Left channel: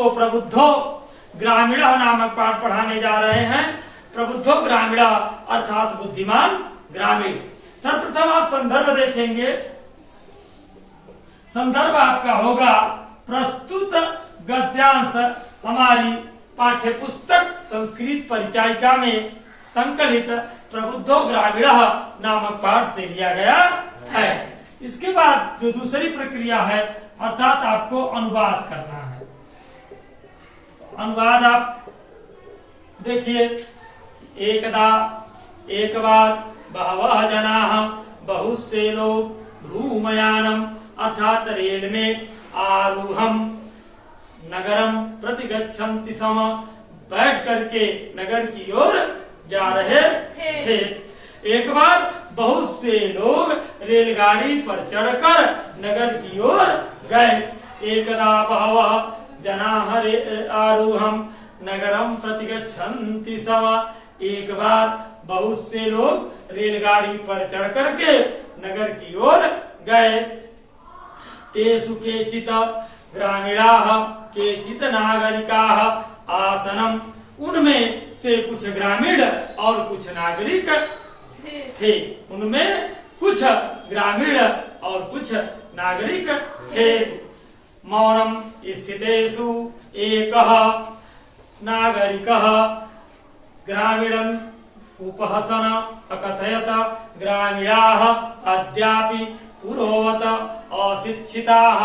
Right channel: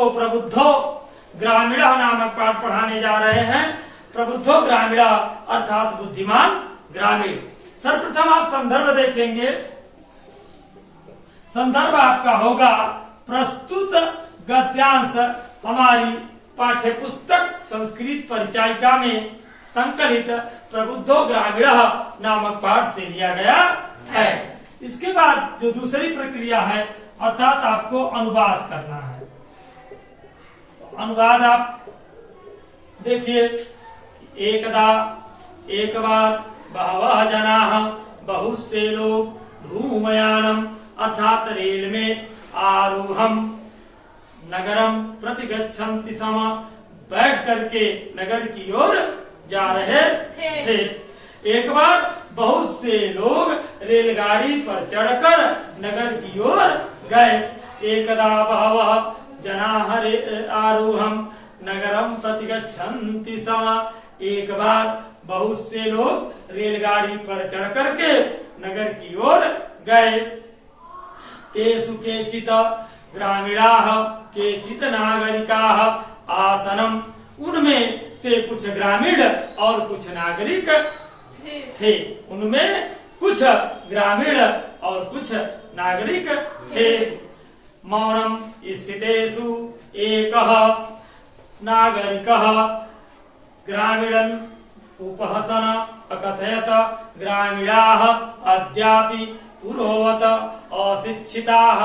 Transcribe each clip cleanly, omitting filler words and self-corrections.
आपको प्रबुद्धो ग्रामीण नामक पाठ पढ़ाने जा रहे हैं। प्रबुद्धो ग्रामीण अर्थात बुद्धिमान ग्रामीण। सर्वप्रथम आप संदर्भ देखेंगे। संदर्भ आपका होगा प्रस्तुत गद्यांश हमारी पाठ्य पुस्तक संस्कृत परिचायिका में संकलित प्रबुद्धो ग्रामीण नामक पाठ से लिया गया है। इसके बाद जो दूसरी प्रक्रिया है अर्थात आपको अनुवाद करना है। अनुवाद आप देखिए, एकदा एक बार बहवः जनाः बहुत से लोग धूमयानम अर्थात रेल में आरूढ़म नगरम प्रतिगच्छन्ति सम बैठ करके नगर की ओर जा रहे थे। एक बार बहुत से लोग रेलगाड़ी पर चढ़कर नगर की ओर गए। एकदा बहवः जनाः आरूढ़म नगरम प्रतिगच्छन्ति सम। एक बार बहुत से लोग रेलगाड़ी पर चढ़ करके नगर की ओर गए। तेषु केचित् ग्रामीणाः केचित् नागरिकाः आसनम। उनमें से कुछ ग्रामीण और कुछ नागरिक थे। उनमें कुछ ग्रामीण और कुछ नागरिक थे। मौनम स्थितेषु एकः नागरिकः ग्रामीणं उपहसन अकथयत ग्रामीणाः अद्यापि पुरोवत अशिक्षिताः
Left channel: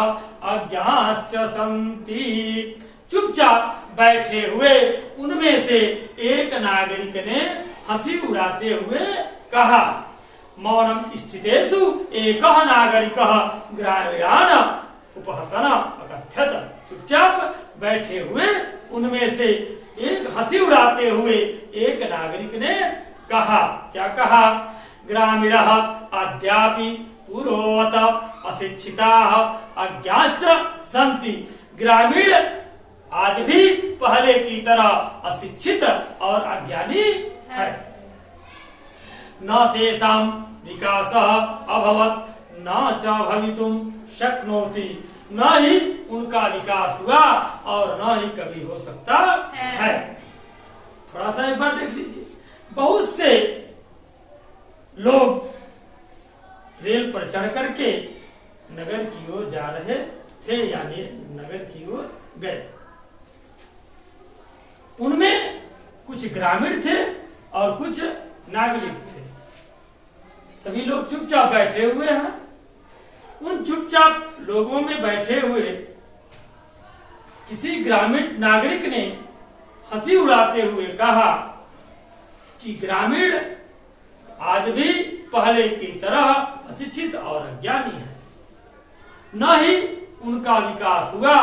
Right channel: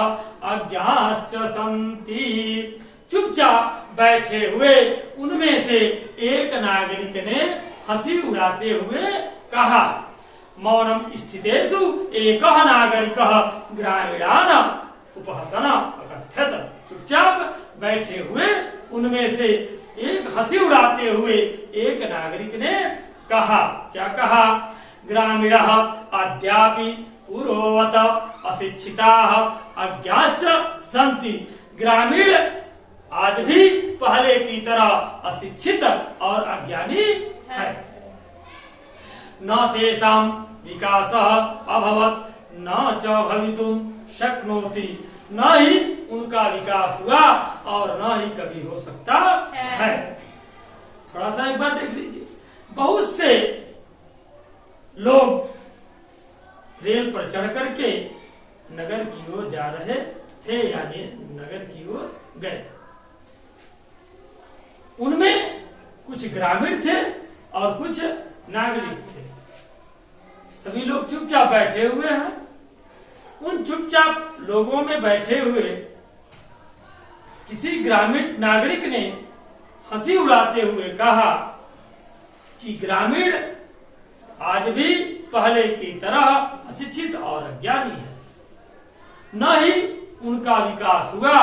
अज्ञाश्च सन्ति। चुपचाप बैठे हुए उनमें से एक नागरिक ने हंसी उड़ाते हुए कहा, मौनम स्थितेषु एकः नागरिकः ग्रामीणान् उपहसन अकथयत। चुपचाप बैठे हुए उनमें से एक हंसी उड़ाते हुए एक नागरिक ने कहा, क्या कहा, ग्रामीणः अद्यापि पुरोवत अशिक्षिताः अज्ञाश्च सन्ति। ग्रामीण आज भी पहले की तरह अशिक्षित और अज्ञानी है। न तेषां विकासः अभवत् न च भवितुं शक्नोति। न ही उनका विकास हुआ और न ही कभी हो सकता है। थोड़ा सा एक बार देख लीजिए। बहुत से लोग रेल पर चढ़ करके नगर की ओर जा रहे थे, यानी नगर की ओर गए। उनमें कुछ ग्रामीण थे और कुछ नागरिक थे। सभी लोग चुपचाप बैठे हुए हैं। उन चुपचाप लोगों में बैठे हुए किसी ग्रामीण नागरिक ने हंसी उड़ाते हुए कहा कि ग्रामीण आज भी पहले की तरह अशिक्षित और अज्ञानी है। न ही उनका विकास हुआ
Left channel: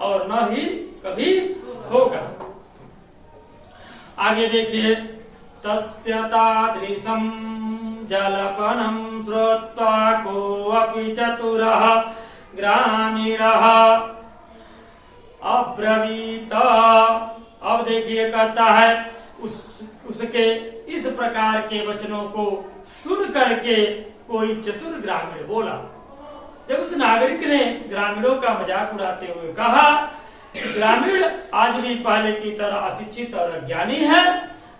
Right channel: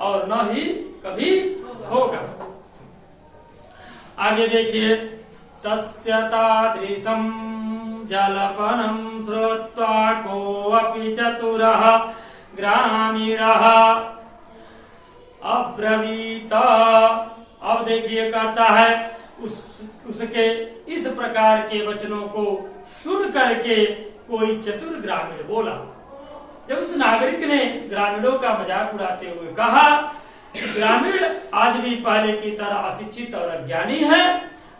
और न ही कभी होगा। आगे देखिए, तस्य तादृशं जल्पनं श्रुत्वा कोऽपि चतुरः ग्रामीणः अब्रवीत। अब देखिए कहता है, उसके इस प्रकार के वचनों को सुन करके कोई चतुर ग्रामीण बोला। जब उस नागरिक ने ग्रामीणों का मजाक उड़ाते हुए कहा, ग्रामीण आज भी पहले की तरह अशिक्षित और अज्ञानी है,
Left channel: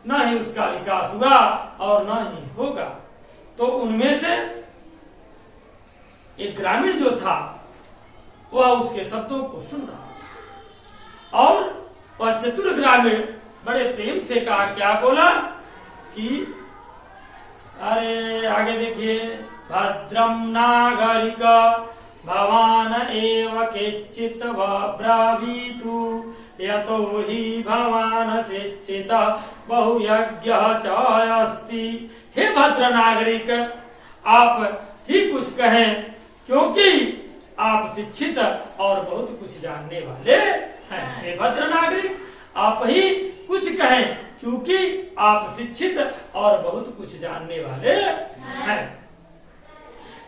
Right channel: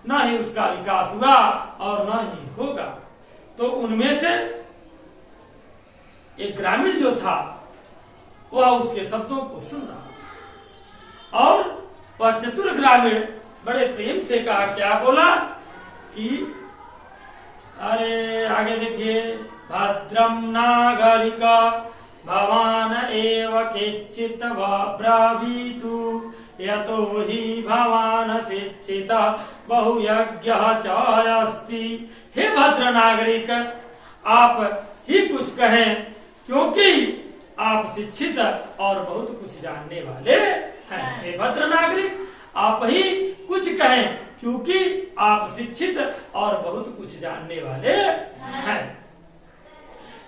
न ही उसका विकास हुआ और न ही होगा, तो उनमें से एक ग्रामीण जो था वह उसके शब्दों को सुन रहा था और वह चतुर ग्रामीण बड़े प्रेम से कहा, क्या बोला कि अरे आगे देखिए, भद्रम नागरिक भवान एव केचित् ब्रावीतु यतो हि भवान शिक्षित बहुयज्ञः च अस्ति। हे भद्र नागरिक, आप ही कुछ कहें क्योंकि आप शिक्षित और बहुत कुछ जानने वाले हैं। हे भद्र नागरिक, आप ही कुछ कहें क्योंकि आप शिक्षित और बहुत कुछ जानने वाले हैं।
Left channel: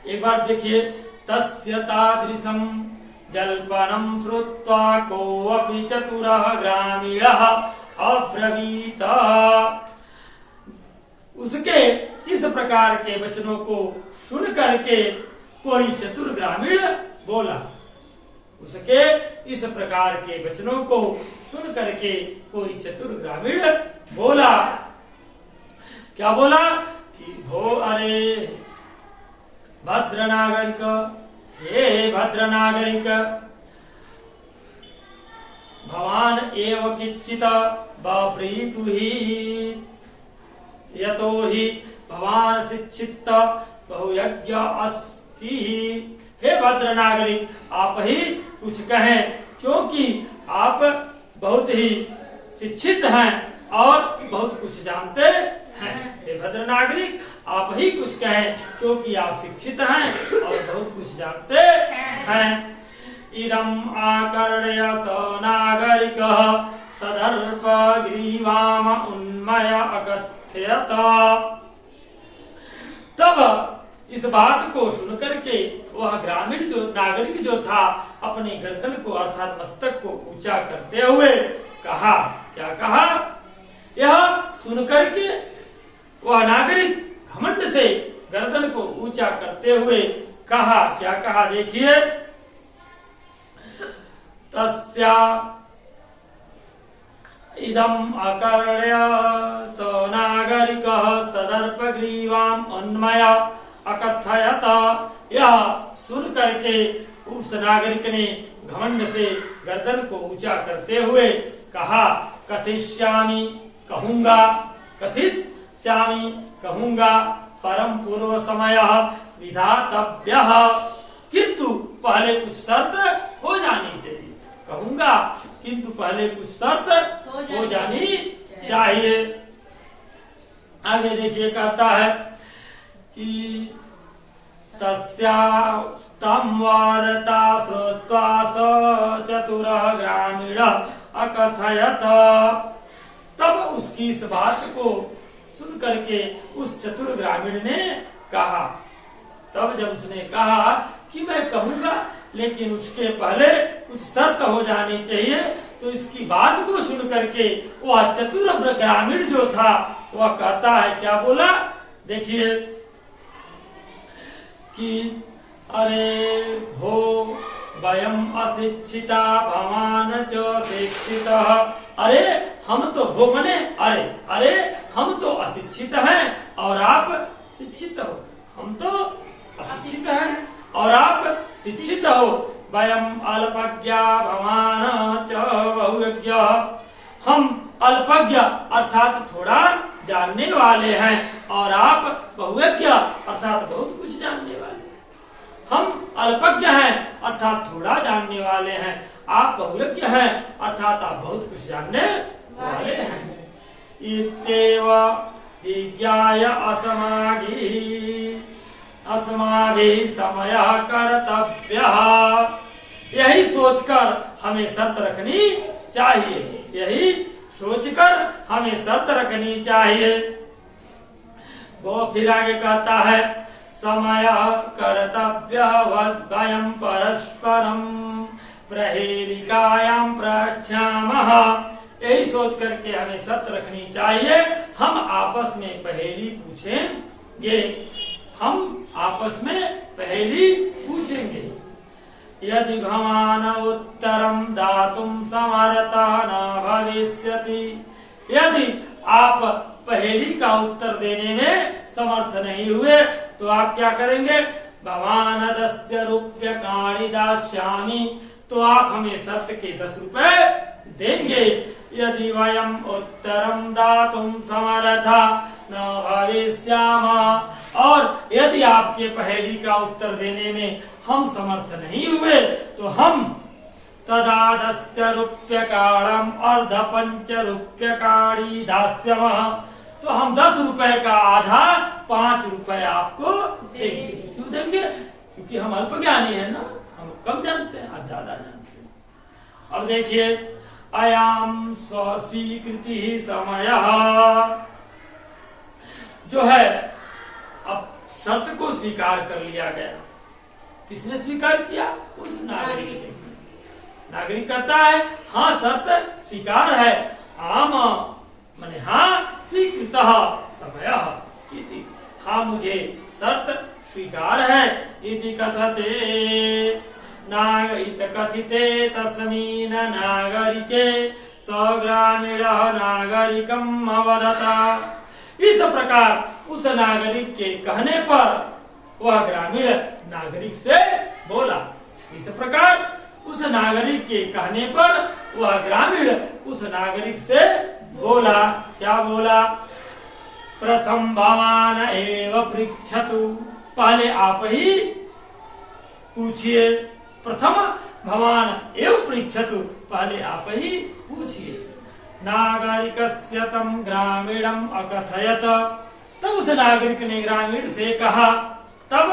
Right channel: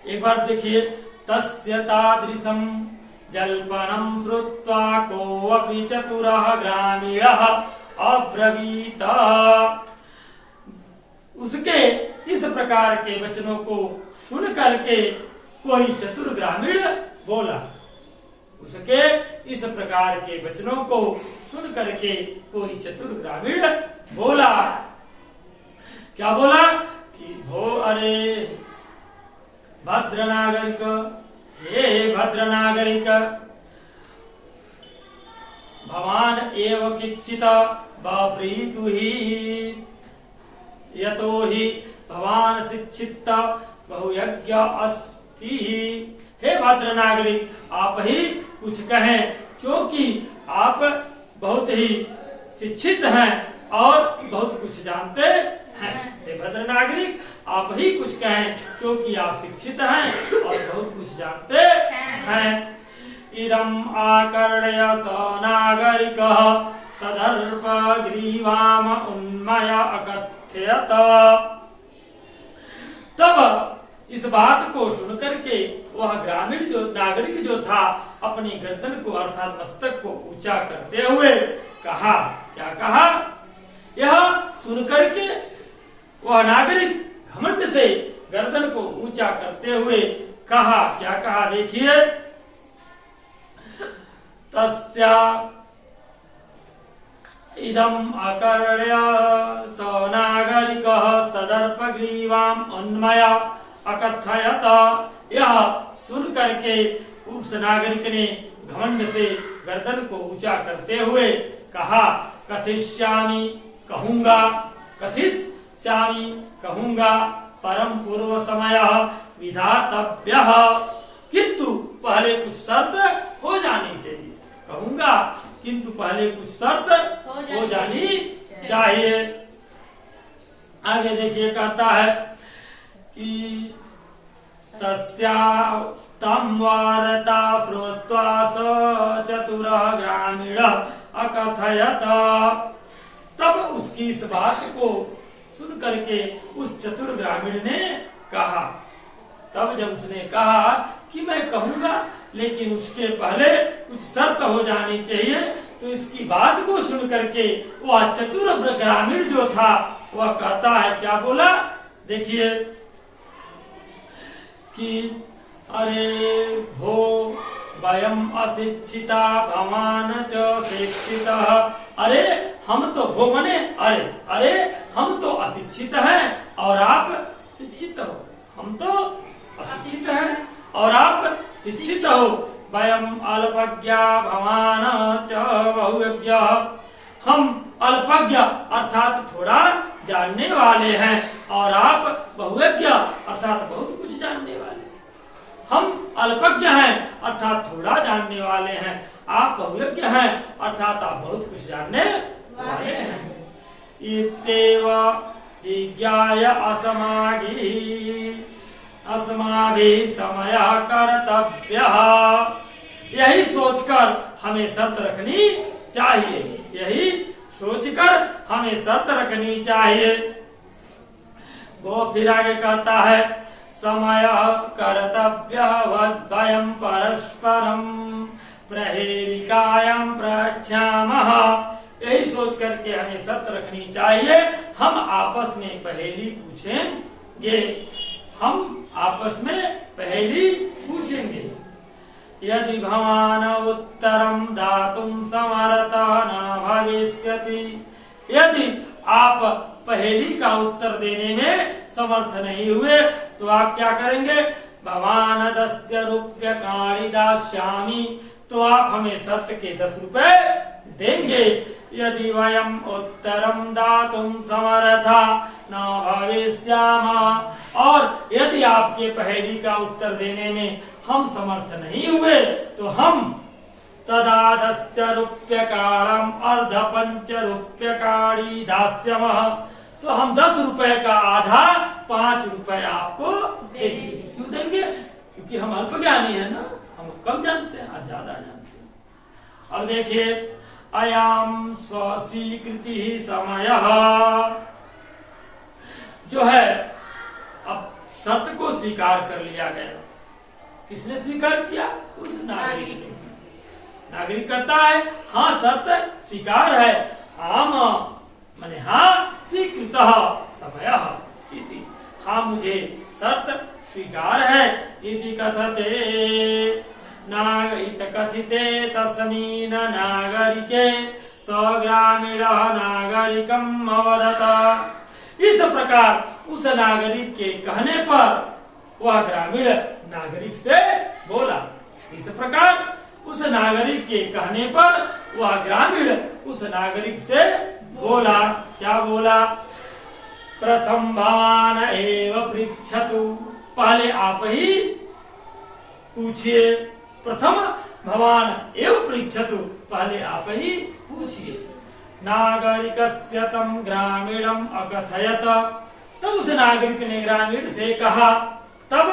एक बार देखिए, तस्य तादृशं जल्पनं श्रुत्वा कोऽपि चतुरः ग्रामीणः अब्रवीत। उसके इस प्रकार के वचनों को सुन करके कोई चतुर ग्रामीण बोला, उसके इस प्रकार के वचनों को सुन करके कोई चतुर ग्रामीण बोला, क्या बोला कि भो अरे भद्र नागरिक, हे भद्र नागरिक, भवान एव किच्चित बप्रीतु ही, यतो ही भवान शिक्षित बहुयज्ञ अस्ति। हे भद्र नागरिक, आप ही कुछ कहें, क्योंकि आप बहुत ही शिक्षित हैं और बहुत कुछ जानते हैं। हे भद्र नागरिक, आप ही कुछ कहें, क्योंकि आप शिक्षित हैं और बहुत कुछ जानते हैं। इदम आकर्ण्य स नागरिक सदर्प ग्रीवाम उन्मय अकथयत। तब इस बात को सुनकर के वह ग्रामीण जो नागरिक जो था अपने गर्दन को अर्थात मस्तक को ऊंचा करते हुए कहा, क्या कहा? यह सुनकर के वह नागरिक घमंड से गर्दन को ऊंचा करते हुए कहा, क्या कहा? देखिए, तस्या इदम अकर्ण्य स नागरिकः सदर्प ग्रीवाम अन्मय अकथयत। यह सुन करके उस नागरिक ने घमंड से गर्दन को ऊंचा करते हुए कहा, कथिष्यामि, कहूंगा, कथिष्यामि, कहूंगा, परम पूर्व समय विधातव्यः, किंतु पहले कुछ शर्त हो जानी चाहिए। कहूंगा किंतु पहले कुछ शर्त हो जानी चाहिए। आगे देखिए, कहता है कि तस्यास्तं वार्ता श्रुत्वा स चतुरः ग्रामीणः अकथयत। तब उसकी इस बात को सुन करके उस चतुर ग्रामीण ने कहा, तब जब उसने कहा कि मैं कहूंगा लेकिन उसके पहले कुछ शर्त हो जानी चाहिए, तो इसकी बात को सुन करके वह चतुर ग्रामीण जो था वह कहता है, क्या बोला? देखिए कि अरे भो वयम अशिक्षिता भवान च शिक्षितः। अरे हम तो, भो मने अरे, अरे हम तो अशिक्षित हैं और आप शिक्षित हो। हम तो अशिक्षित हैं और आप शिक्षित हो। वयम अल्पज्ञा भवान च बहुज्ञ। हम अल्पज्ञ अर्थात थोड़ा जानने वाले हैं और आप बहुज्ञ अर्थात बहुत कुछ जानने वाले हैं। हम अल्पज्ञ हैं अर्थात थोड़ा जानने वाले हैं, आप बहुज्ञ हैं अर्थात आप बहुत कुछ जानने वाले हैं। इत्येव विज्ञाय अस्माभिः समयः कर्तव्यः। यही सोचकर हमें शर्त रखनी चाहिए, यही सोचकर हमें शर्त रखनी चाहिए। वो फिर आगे कहता है, समय कर्तव्यः वयं परस्परं प्रहेलिकायां प्रच्छामः। यही सोच करके हमें शर्त रखनी चाहिए, हम आपस में पहेली पूछेंगे, हम आपस में पहेली पूछेंगे। यदि भवान उत्तरम दातुम समर्थः न भविष्यति। यदि आप पहेली का उत्तर देने में समर्थ नहीं हुए तो आप क्या करेंगे? भवान 10 रूप्यकाणि दास्यामि। तो आप हमें शर्त के 10 रुपए देंगे। यदि वयम उत्तरम दातुम समर्था न भविष्यामः। और यदि आपके पहेली का उत्तर देने में हम समर्थ नहीं हुए तो हम तदा 10 रूप्यकाणम अर्ध 5 रूप्यकाणि दास्यामः। तो हम 10 रुपए का आधा 5 रुपए आपको देंगे। क्यों देंगे? क्योंकि हम अल्पज्ञानी है ना, हम कम जानते हैं, आज ज्यादा जानते हैं। अब देखिए, अयम स्वीकृति समयः। जो है अब शर्त को स्वीकार कर लिया गया। किसने स्वीकार किया? उस नागरिक ने। नागरिक कहता है हाँ शर्त स्वीकार है, आम माने हाँ स्वीकृतः समयः इति। हाँ मुझे शर्त स्वीकार है इति कथते। नागरिक कथिते तस्मिन् नागरिके स ग्रामीणः नागरिकम् अवदत। इस प्रकार उस नागरिक के कहने पर वह ग्रामीण नागरिक से बोला। इस प्रकार उस नागरिक के कहने पर वह ग्रामीण उस नागरिक से बोला। क्या बोला? प्रथम भवान एव पृच्छतु, पहले आप ही पूछिए। प्रथम भवान एव पृच्छतु, पहले आप ही पूछिए। नागरिकस्य तं ग्रामीणम् अकथयत, तब उस नागरिक ने ग्रामीण से कहा। तब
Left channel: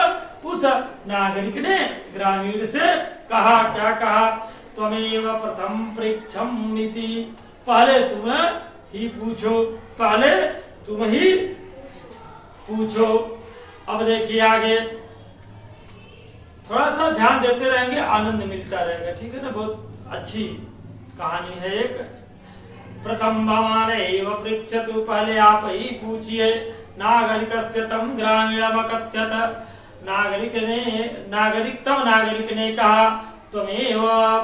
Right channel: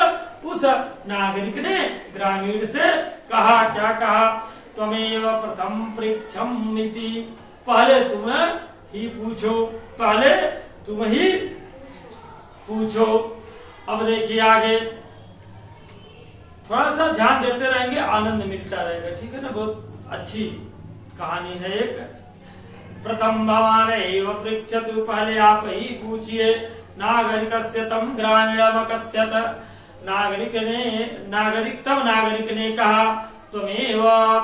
उस नागरिक ने ग्रामीण से कहा। क्या कहा? त्वमेव प्रथम पृच्छन्निति, पहले तुम ही पूछो, पहले तुम ही पूछो। अब देखिए आगे, थोड़ा सा ध्यान देते रहेंगे, आनंद मिलता रहेगा। ठीक है ना? बहुत अच्छी कहानी है एक। प्रथम भवान एव पृच्छतु, पहले आप ही पूछिए। नागरिकस्य तं ग्रामीणम् अकथयत, नागरिक ने कहा त्वमेव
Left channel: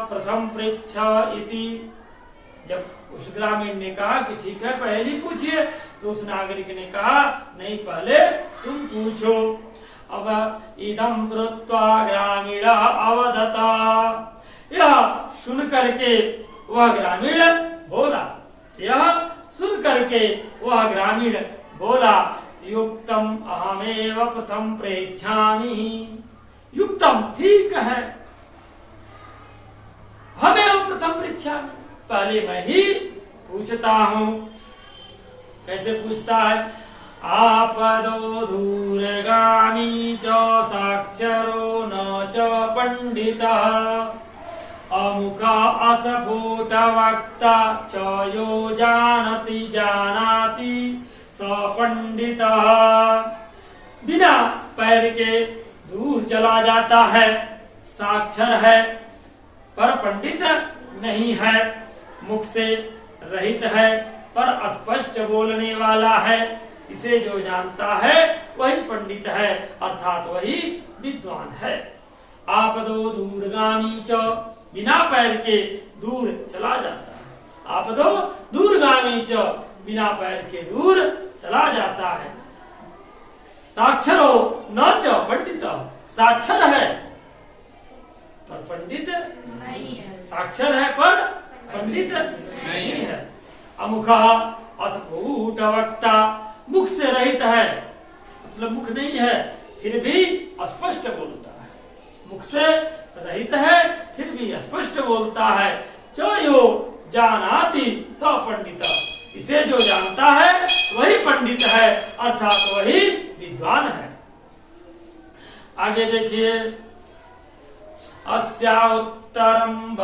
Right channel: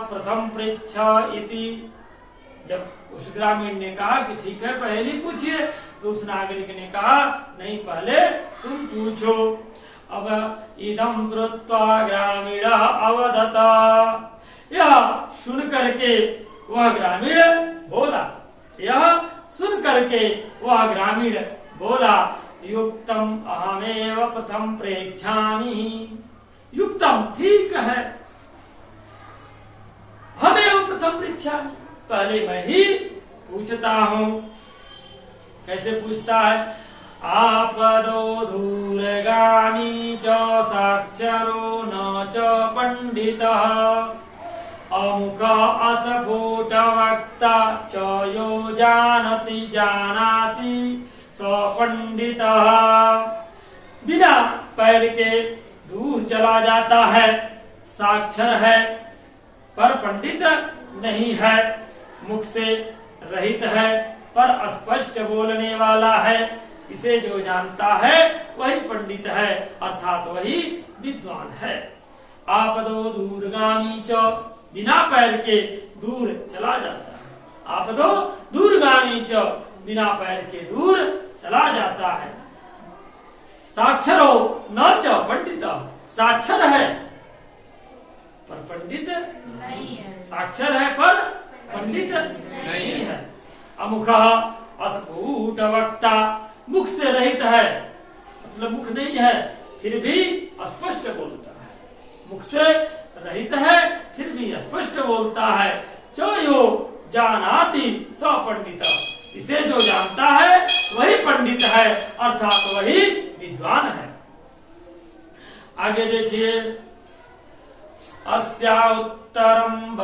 प्रथम पृच्छ इति। जब उस ग्रामीण ने कहा कि ठीक है पहले ही पूछिए, तो उस नागरिक ने कहा नहीं, पहले तुम पूछो। अब इदं श्रुत्वा ग्रामीणः अवदत, यह सुन करके वह ग्रामीण बोला। यह सुन करके वह ग्रामीण बोला, युक्तम अहमेव प्रथम प्रेक्षामि। युक्तम, ठीक है, हमें प्रथम पृच्छामि, पहले मैं ही पूछता हूँ। कैसे पूछता है? आपदो दूरगामी च साक्षरो न च पंडितः, अमुख अस्फुट वक्ता च यो जानति जानाति स पंडितः। बिना पैर के दूर चला जाता है, साक्षर है पर पंडित नहीं है, मुख से रहित है पर स्पष्ट बोलने वाला है। इसे जो जानता है वही पंडित है, अर्थात वही विद्वान है। आपदो दूरगामी च, बिना पैर के दूर चला जाता है। आपदो दूरगामी च, बिना पैर के दूर चला जाता है। साक्षरो न च पंडित, साक्षर है पर पंडित नहीं है, साक्षर है पर पंडित नहीं है। अमुख अस्फुट वक्ता, मुख से रहित है, मतलब मुख नहीं है फिर भी स्पष्ट बोलता है। मुख से रहित है फिर भी स्पष्ट बोलता है। चयो जानाति स पंडित, इसे जो जानता है वही पंडित है, अर्थात वही विद्वान है। आगे देखिए, अस्या उत्तरम